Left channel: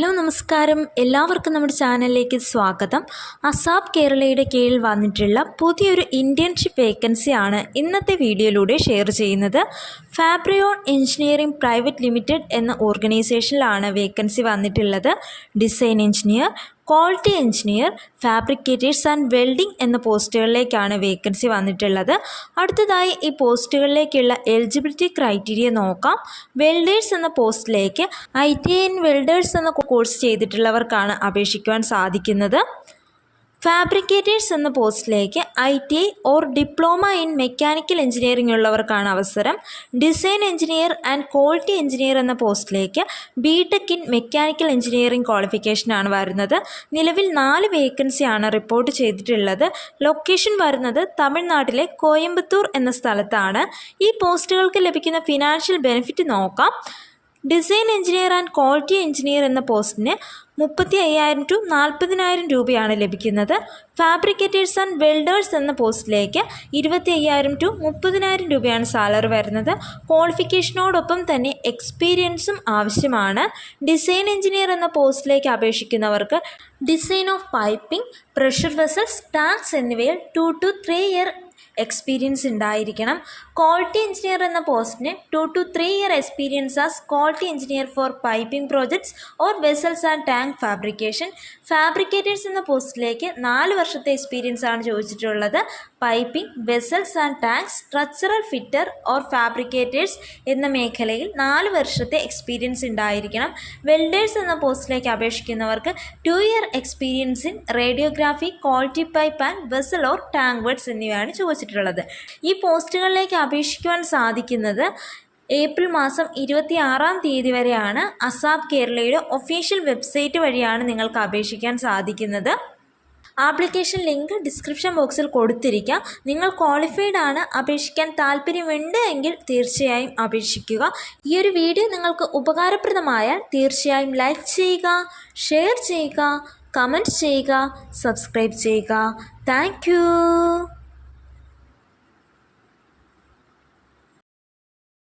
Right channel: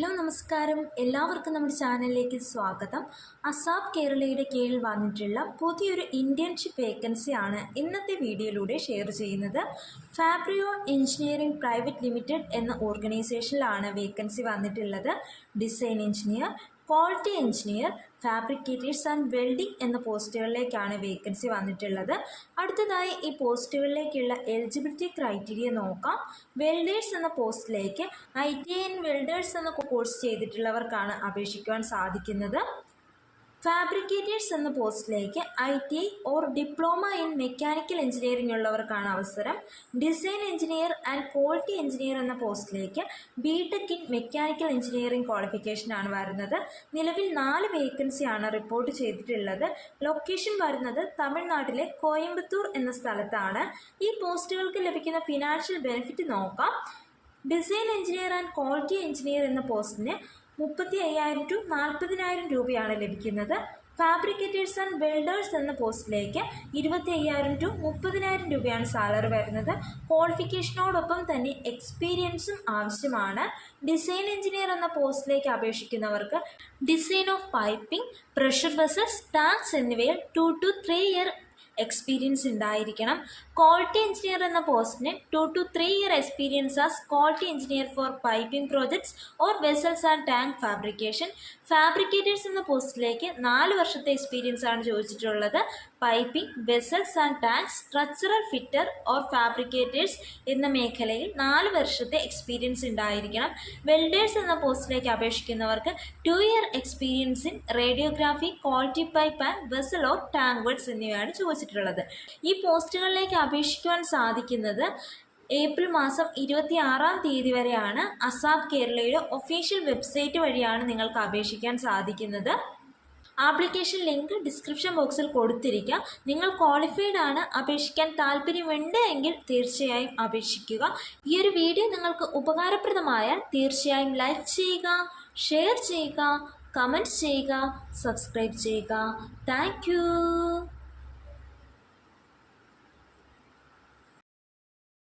Hello നമസ്കാരം, എല്ലാവർക്കും നമ്മുടെ ചാനലിലേക്ക് സ്വാഗതം. അസാപ് കേരളയുടെ കീഴിൽ വന്നിട്ടുള്ള പുതിയൊരു ഇൻറ്റേൺഷിപ്പ് വേക്കൻസിയാണ് ഇന്നത്തെ വീഡിയോയിലൂടെ ഷെയർ ചെയ്യുന്നത്. ഫാബ്രിയോൺ എഞ്ചിനീയറിംഗ് പ്രൈവറ്റ് ലിമിറ്റഡ് എന്ന ഓർഗനൈസേഷനിലാണ് വേക്കൻസി വന്നിട്ടുള്ളത്. Design engineer, quality engineer, fabricators and welding എന്ന പോസ്റ്റുകളിലേക്കാണ് വേക്കൻസി വന്നിട്ടുള്ളത്. അടുത്തതായി ഈ പോസ്റ്റുകളിലേക്കുള്ള എലിജിബിലിറ്റി ക്രൈറ്റീരിയ നോക്കാം. വെൽഡേഴ്സ് എന്ന പോസ്റ്റിലേക്ക് ITI ഇൻ വെൽഡേഴ്സ് എന്ന കോഴ്സ് ചെയ്തിട്ടുള്ളവർക്കാണ് അപേക്ഷിക്കുവാൻ സാധിക്കുന്നത്. ഫാബ്രിക്കേറ്റേഴ്സ് എന്ന പോസ്റ്റിലേക്ക് ITI or diploma in mechanical engineering ഉള്ളവർക്കാണ് അവസരം. Design engineer and quality engineer എന്ന പോസ്റ്റിലേക്ക് BTech ഇൻ മെക്കാനിക്കൽ എഞ്ചിനീയറിംഗ് ക്വാളിഫിക്കേഷനാണ് വരുന്നത്. നിലവിൽ 4 വേക്കൻസിയാണ് റിപ്പോർട്ട് ചെയ്തിട്ടുള്ളത്. ലൊക്കേഷൻ വരുന്നത് തമിഴ്നാട്ടിലെ കോയമ്പത്തൂർ എന്ന സ്ഥലത്താണ്. ഈ പോസ്റ്റുകൾക്ക് ലഭിക്കുന്ന ഫിനാൻഷ്യൽ ബെനിഫിറ്റ് നോക്കാം. Design engineer and quality engineer എന്ന പോസ്റ്റിന് 35,000 to 40,000 രൂപയാണ് ലഭിക്കുന്നത്. ഫാബ്രിക്കേറ്റേഴ്സ് ആൻഡ് വെൽഡേഴ്സ് എന്ന പോസ്റ്റിലേക്ക് 25,000 to 30,000 രൂപയാണ് സാലറി വരുന്നത്. ക്വാളിഫിക്കേഷനോടൊപ്പം തന്നെ എക്സ്പീരിയൻസും ആവശ്യമാണ്. ഡിസൈൻ എഞ്ചിനീയർ എന്ന പോസ്റ്റിലേക്ക് അപേക്ഷിക്കുന്നവർക്ക് design of piping, pressure vessels, tanks എന്നിവയിൽ 2 to 3 ഇയർ എക്സ്പീരിയൻസ് ഉണ്ടായിരിക്കണം. ക്വാളിറ്റി എഞ്ചിനീയർ എന്ന പോസ്റ്റിന് 2 to 3 year experience as quality engineer for piping projects or vessels and tank fabrication. Fabricators എന്ന പോസ്റ്റിലേക്ക് 4 വർഷത്തെ എക്സ്പീരിയൻസ് ആണ് ചോദിച്ചിട്ടുള്ളത്. Piping, vessels and tanks, structural fitter or fabricators എന്ന മേഖലയിൽ 4 വർഷത്തെ എക്സ്പീരിയൻസ് ഉണ്ടായിരിക്കണം. വെൽഡേഴ്സ് എന്ന പോസ്റ്റിലേക്ക് അപേക്ഷിക്കുന്നവർക്ക് 2 year experience in radiography, quality pipe and vessel or tank words എന്നിവയാണ് ചോദിച്ചിട്ടുള്ളത്. ഈ പോസ്റ്റുകളിലേക്ക് അപേക്ഷിക്കുവാൻ സാധിക്കുന്നത് ഏപ്രിൽ മാസം 26-ാം തീയതി വരെയാണ്. അസാപ് കേരളയുടെ ഒഫീഷ്യൽ വെബ്സൈറ്റ് വഴിയാണ് നിങ്ങൾക്ക് അപേക്ഷിക്കാൻ സാധിക്കുന്നത്. ആപ്ലിക്കേഷൻ ലിങ്ക് ഡിസ്ക്രിപ്ഷൻ ബോക്സിൽ കൊടുത്തിരിക്കാം. നിങ്ങൾ ക്വാളിഫൈഡ് ആണ്, അപേക്ഷിക്കാൻ താല്പര്യമുണ്ട് എങ്കിൽ തീർച്ചയായും അപേക്ഷിക്കുക. ഈ ഒരു വീഡിയോ നിങ്ങൾക്ക് ഉപകാരപ്രദമായാൽ തീർച്ചയായും ലൈക്ക് ചെയ്യുക, ഷെയർ ചെയ്യുക, കമൻറ്റ് ചെയ്യുക, സബ്സ്ക്രൈബ് ചെയ്യുക. താങ്ക്